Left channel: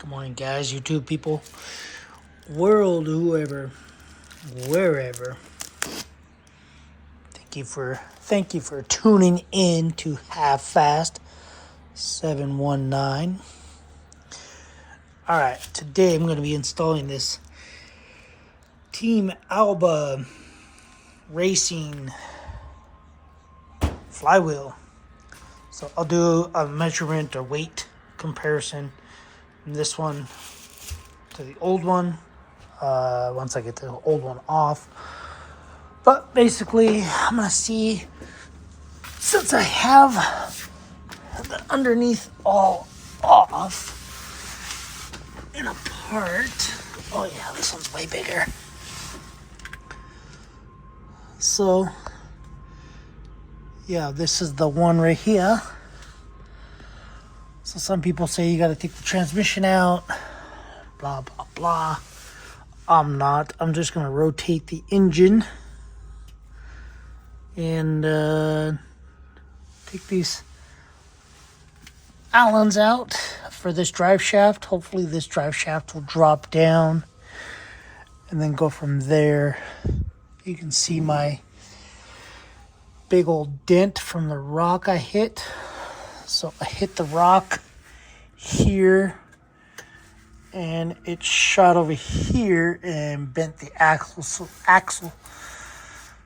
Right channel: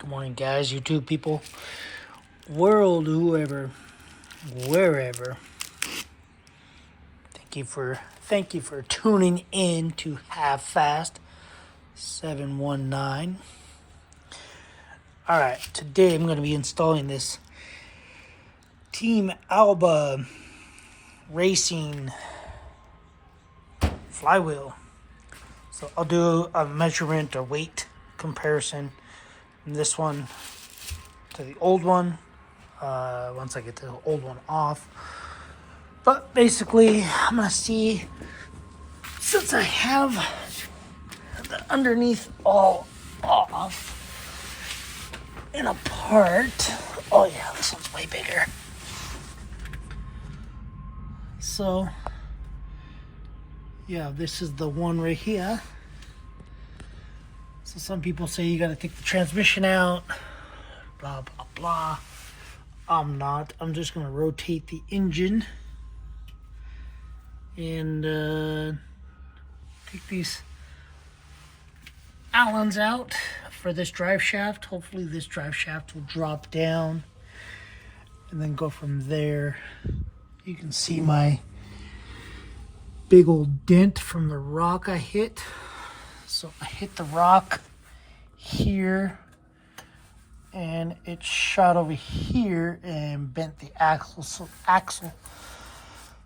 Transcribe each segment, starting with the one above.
Good morning, guys, YouTube people, world, whoever, wherever. Thank you for tuning in to Half Fast 719. All right, today I'm going to be installing this Team Alba Racing Flywheel. So I'll do a measurement or weight comparison from this one to the old one once I get the old one off. But basically, I'm going to see, since I have the underneath all off and apart. Oh yeah, this one's way bigger. So, yeah, this is the one right here. So some people say you got to take the transmission out, blah, blah, blah. I'm not. I'm just going to rotate the engine and take these Allens out for this drive shaft. Hopefully this drive shaft will drop down and then go from there. You can see my big old dent from the rock I hit. So I hit the rock here and it shot over here and bent the axle.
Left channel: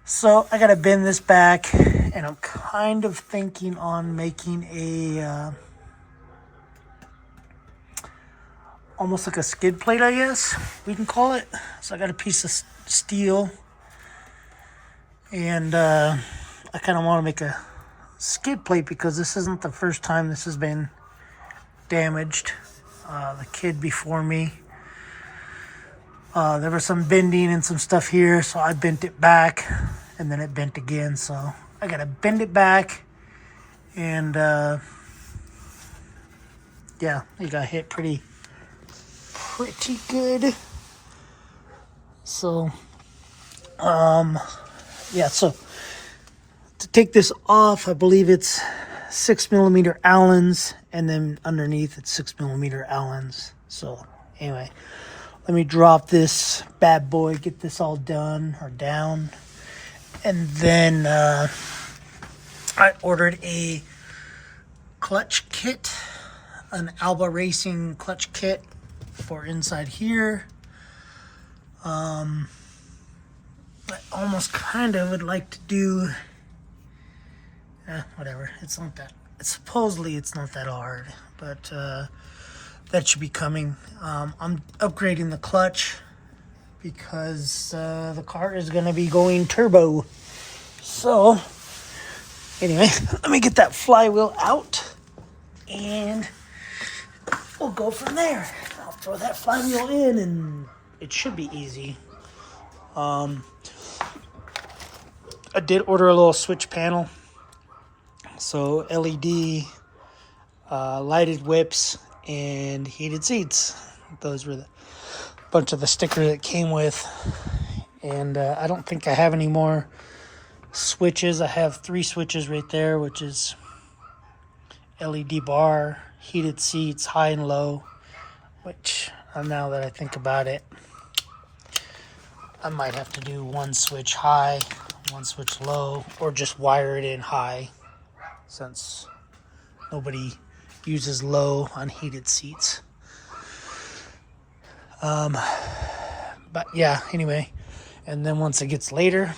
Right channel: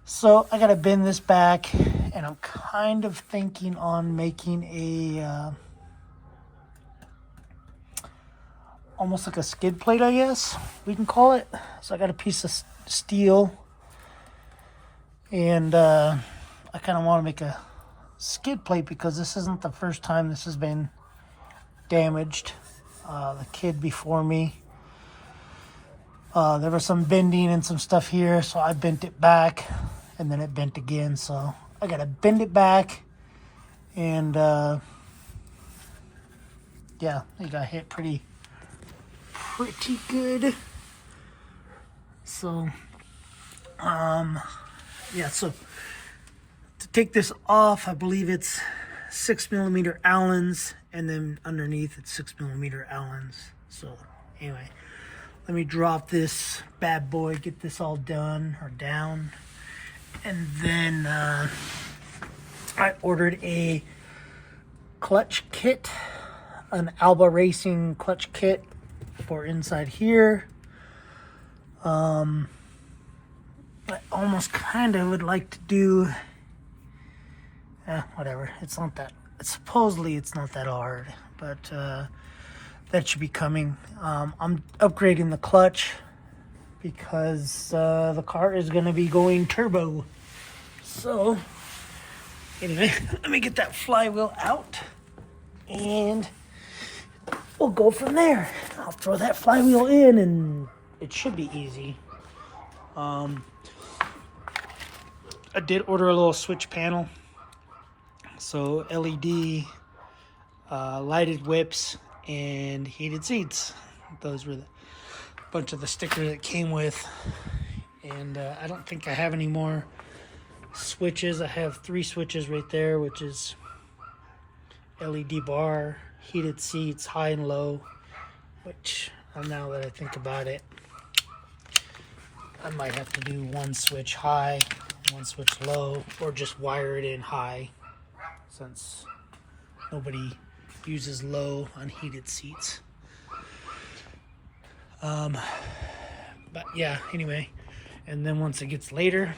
So I gotta bend this back, and I'm kind of thinking on making a almost like a skid plate, I guess we can call it. So I got a piece of steel, and I kind of want to make a skid plate because this isn't the first time this has been damaged. The kid before me, there was some bending and some stuff here, so I bent it back, and then it bent again. So I gotta bend it back, and yeah, it got hit pretty good. So yeah, so to take this off, I believe it's 6mm Allens, and then underneath it's 6mm Allens. So anyway, let me drop this bad boy, get this all done or down, and then I ordered a clutch kit, an Alba Racing clutch kit for inside here. I almost kind of would like to do whatever. It's not that, supposedly it's not that hard, but that should be coming. I'm upgrading the clutch because the car is going to be going turbo. So anyway, let me get that flywheel out and we'll go from there. I'll throw that flywheel in and it should be easy. I did order a little switch panel. So LED, lighted whips, and heated seats. Those were the bunch of the stickers that came with. And I don't think I have any more switches. I have 3 switches right there, which is LED bar, heated seats, high and low, which now that I think about it, I might have to do 1 switch high, 1 switch low, or just wire it in high, since nobody uses low on heated seats. But yeah, anyway, and then once it gets later,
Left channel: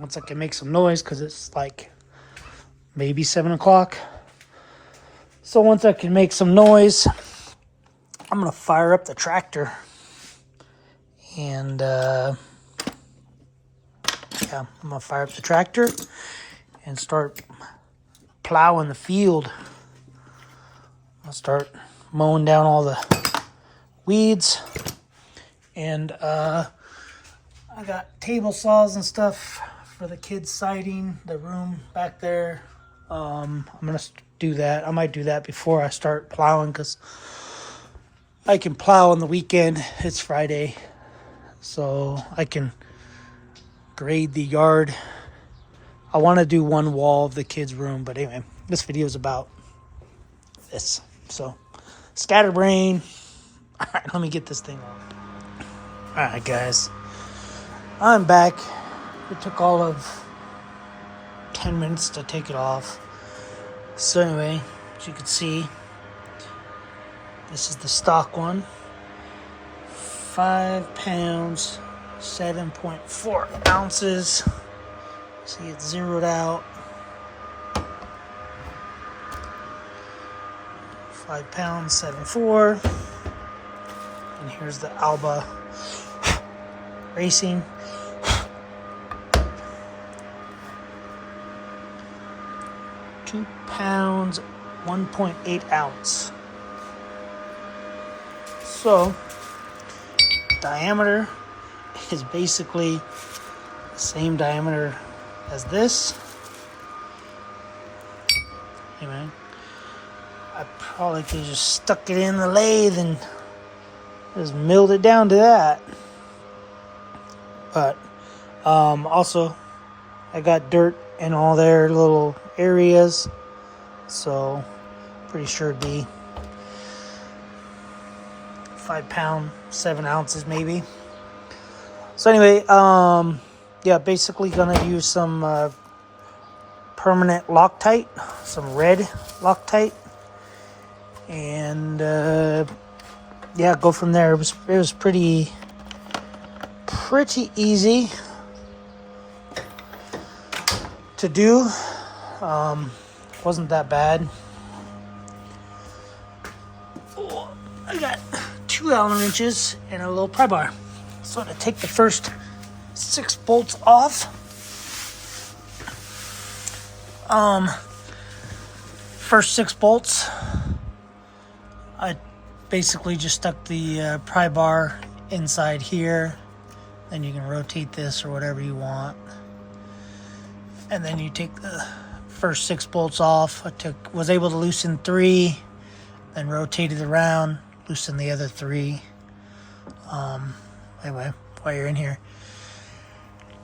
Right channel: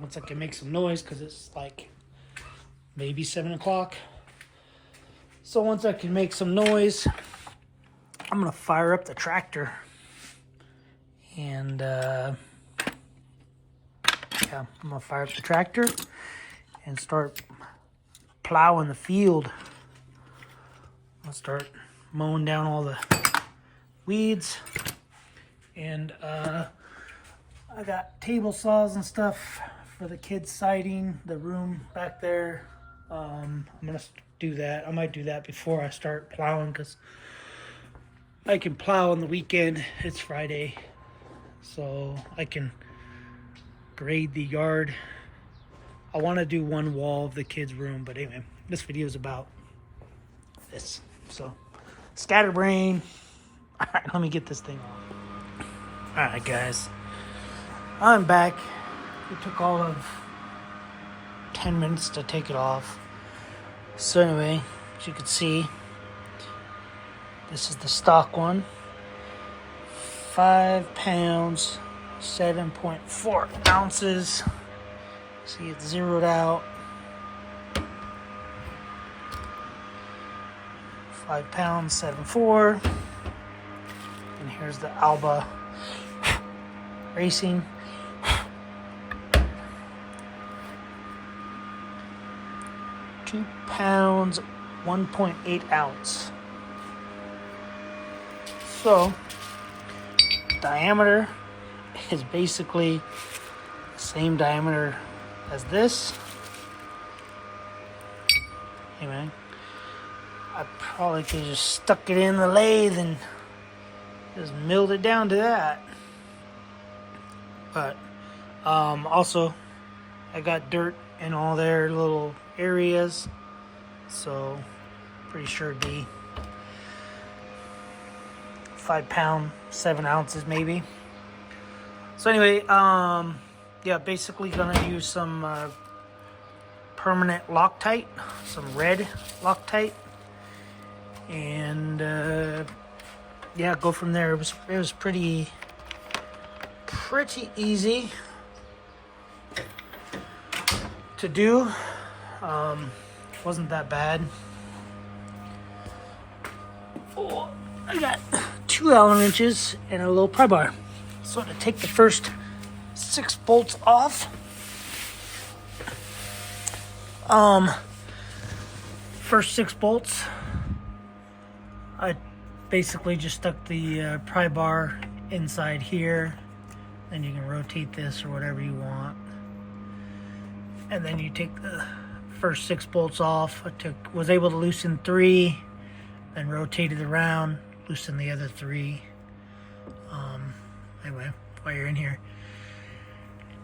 once I can make some noise, because it's like maybe 7 o'clock. So once I can make some noise, I'm going to fire up the tractor. And yeah, I'm going to fire up the tractor and start plowing the field. I'll start mowing down all the weeds, and I got table saws and stuff for the kids' siding, the room back there. I'm gonna do that. I might do that before I start plowing, because I can plow on the weekend. It's Friday, so I can grade the yard. I want to do one wall of the kids' room, but anyway, this video is about this. So, scatterbrain, Alright, let me get this thing off. Alright, guys. I'm back. It took all of 10 minutes to take it off. So anyway, as you can see, this is the stock one. 5 pounds, 7.4 ounces. See, it's zeroed out. 5 pounds, 7.4. And here's the Alba Racing. 2 pounds, 1.8 ounce. So, diameter is basically the same diameter as this. Anyway, I probably could have just stuck it in the lathe and just milled it down to that. But also, I got dirt in all their little areas, so pretty sure it'd be 5 pounds, 7 ounces maybe. So anyway, yeah, basically gonna use some permanent Loctite, some red Loctite, and yeah, go from there. It was pretty easy to do. Wasn't that bad. Oh, I got 2 Allen wrenches and a little pry bar. So I'm gonna take the first 6 bolts off. First 6 bolts, I basically just stuck the pry bar inside here. Then you can rotate this or whatever you want. And then you take the first 6 bolts off. Was able to loosen 3, then rotate it around, loosen the other 3. Anyway, while you're in here,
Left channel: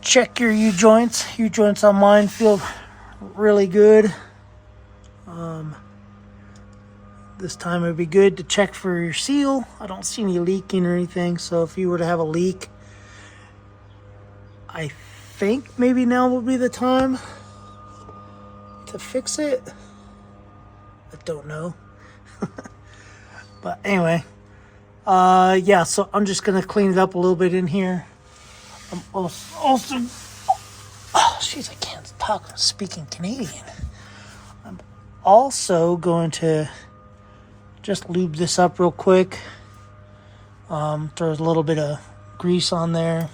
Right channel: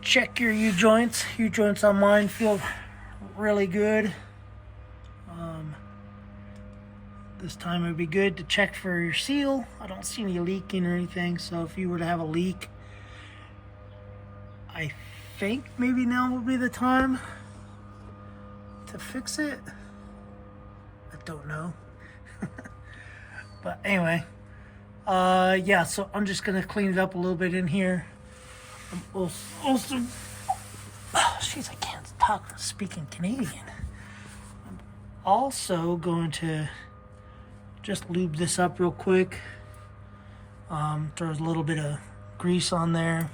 check your U-joints. U-joints on mine feel really good. This time it'd be good to check for your seal. I don't see any leaking or anything, so if you were to have a leak, I think maybe now will be the time to fix it. I don't know. But anyway, yeah, so I'm just gonna clean it up a little bit in here. I'm also oh, jeez, I can't talk speaking Canadian. I'm also going to just lube this up real quick. Throw a little bit of grease on there.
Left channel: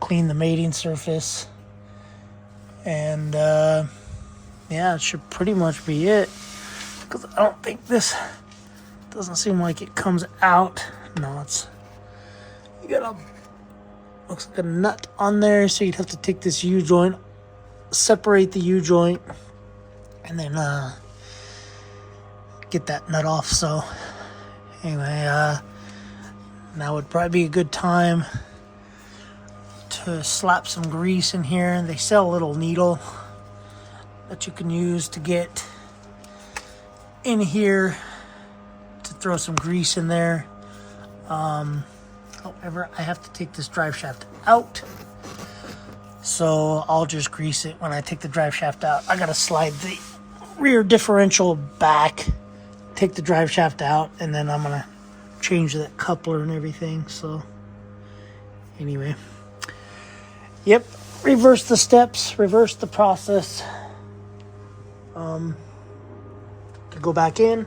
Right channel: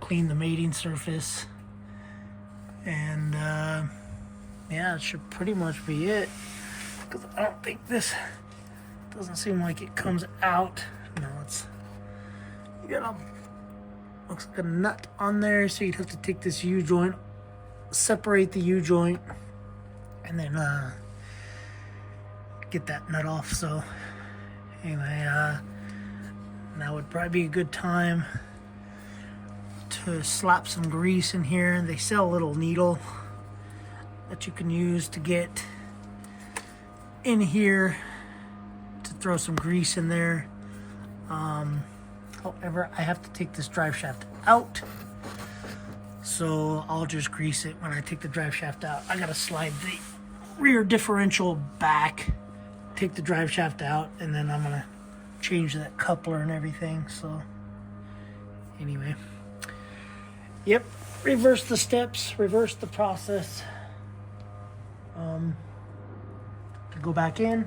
Clean the mating surface. And yeah, it should pretty much be it. Because I don't think this doesn't seem like it comes out. No, you got looks like a nut on there, so you'd have to take this U-joint, separate the U-joint, and then get that nut off. So anyway, now would probably be a good time to slap some grease in here. They sell a little needle that you can use to get in here to throw some grease in there. However, I have to take this drive shaft out, so I'll just grease it when I take the drive shaft out. I gotta slide the rear differential back, take the drive shaft out, and then I'm gonna change that coupler and everything. So anyway, yep, reverse the steps, reverse the process. To go back in,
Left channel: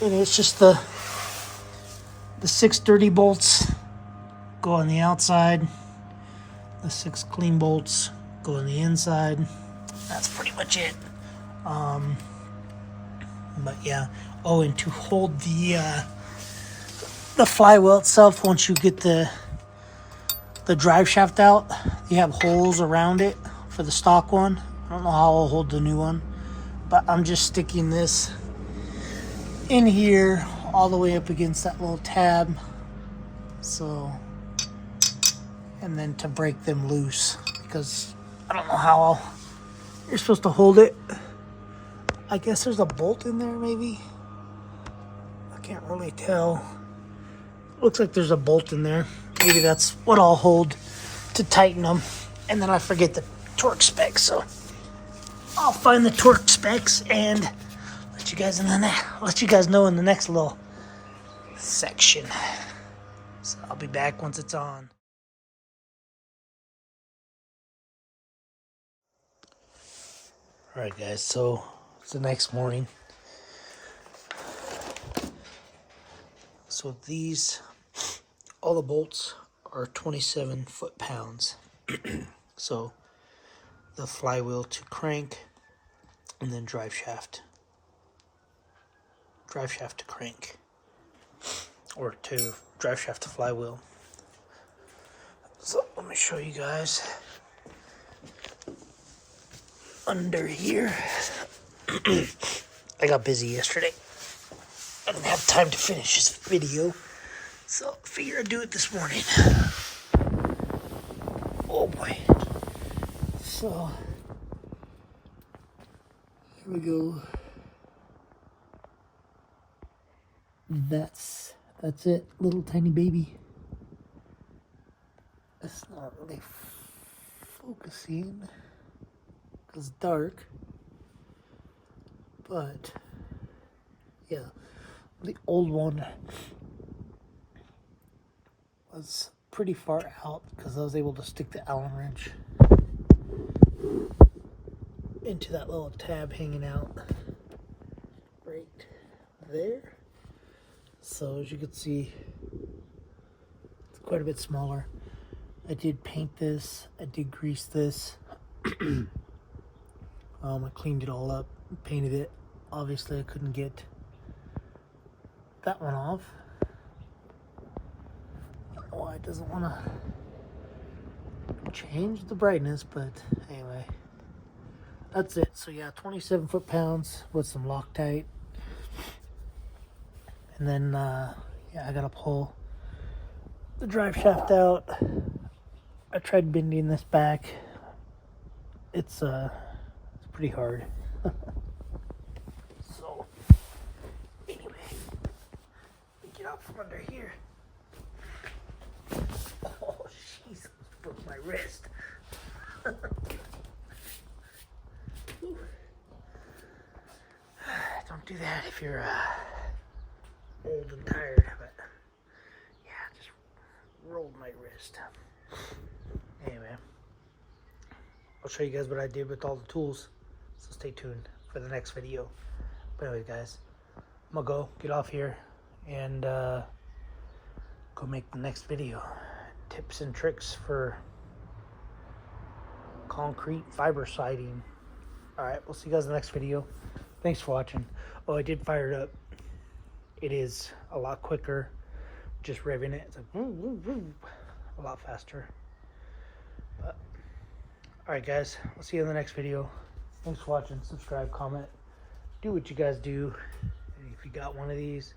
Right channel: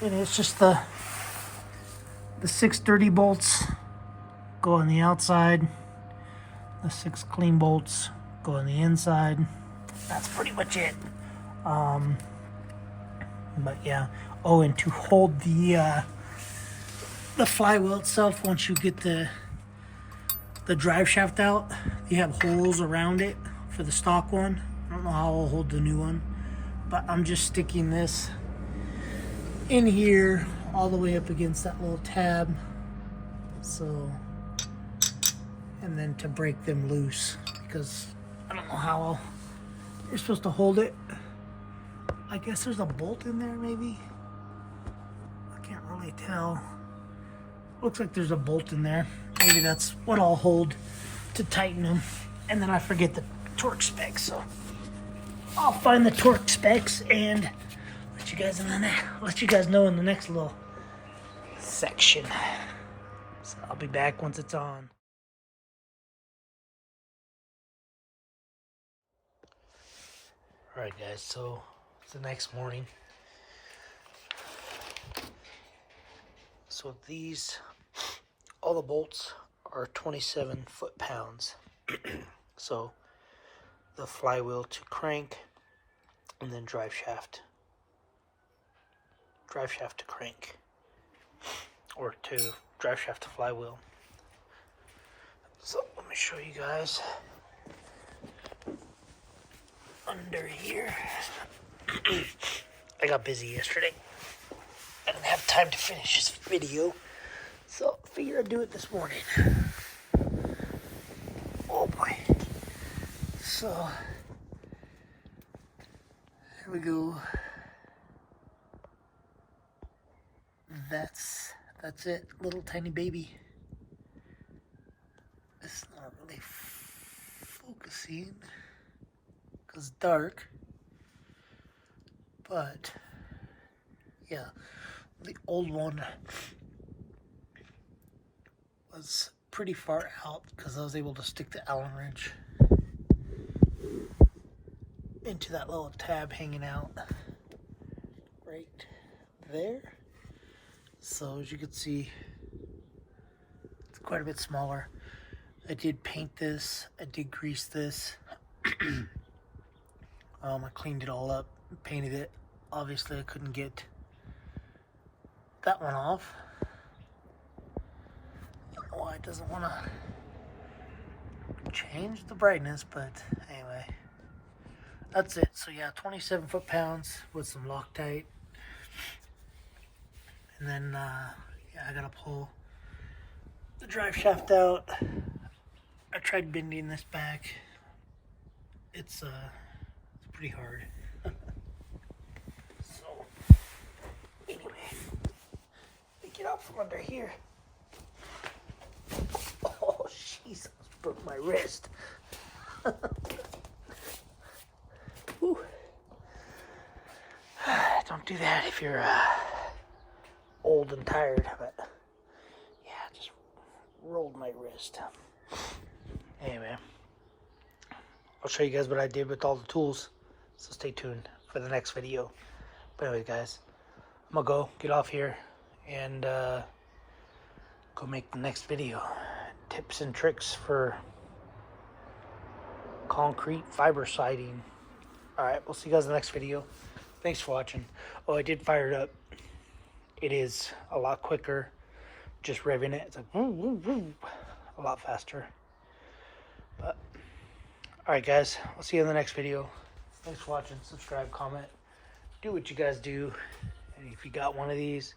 and it's just the 6 dirty bolts go on the outside, the 6 clean bolts go on the inside. That's pretty much it. But yeah, oh, and to hold the flywheel itself, once you get the drive shaft out, you have holes around it for the stock one. I don't know how I'll hold the new one, but I'm just sticking this in here all the way up against that little tab. So, and then to break them loose, because I don't know how you're supposed to hold it. I guess there's a bolt in there maybe. I can't really tell. looks like there's a bolt in there. Maybe that's what I'll hold to tighten them. And then I forget the torque specs, so I'll find the torque specs and let you guys know in the next little section. So I'll be back once it's on. All right, guys. So it's the next morning. So all the bolts are 27 foot-pounds. So the flywheel to crank, and then drive shaft to crank, or to drive shaft to flywheel. So let me show you guys under here. I got busy yesterday. I didn't have time to finish this video, so I figured I'd do it this morning. Oh boy. So here we go. That's it, little tiny baby. It's not really focusing because it's dark, but yeah, the old one was pretty far out because I was able to stick the Allen wrench into that little tab hanging out right there. So as you can see, it's quite a bit smaller. I did paint this, I did grease this. I cleaned it all up, painted it. Obviously I couldn't get that one off. I don't know why it doesn't want to change the brightness, but anyway, that's it. So yeah, 27 foot-pounds with some Loctite. And then, yeah, I gotta pull the drive shaft out. I tried bending this back. It's pretty hard. So, anyway, let me get out from under here. Oh, jeez, I almost broke my wrist. Don't do that if you're old and tired, but yeah, just rolled my wrist. Anyway, I'll show you guys what I did with all the tools, so stay tuned for the next video. But anyway, guys, I'm gonna go get off here and go make the next video. Tips and tricks for concrete fiber siding. Alright, we'll see you guys in the next video. Thanks for watching. Oh, I did fire it up. It is a lot quicker. Just revving it, it's like woo, woo, woo, a lot faster. But alright, guys, I'll see you in the next video. Thanks for watching. Subscribe, comment, do what you guys do. And if you got one of these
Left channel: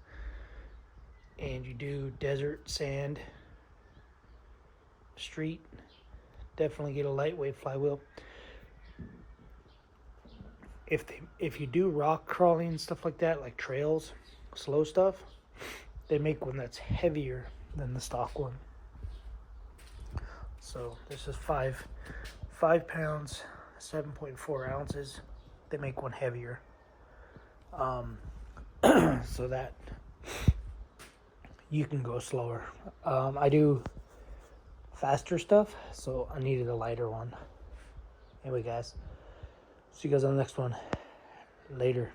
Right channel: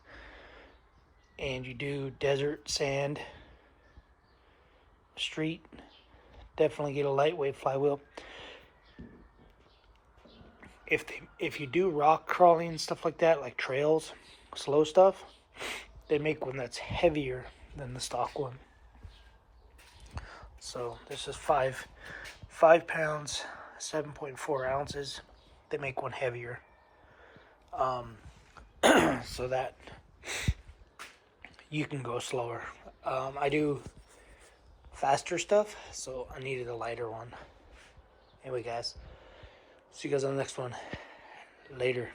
and you do desert, sand, street, definitely get a lightweight flywheel. If you do rock crawling and stuff like that, like trails, slow stuff, they make one that's heavier than the stock one. So this is 5 pounds, 7.4 ounces. They make one heavier, so that you can go slower. I do faster stuff, so I needed a lighter one. Anyway, guys, see you guys on the next one. Later.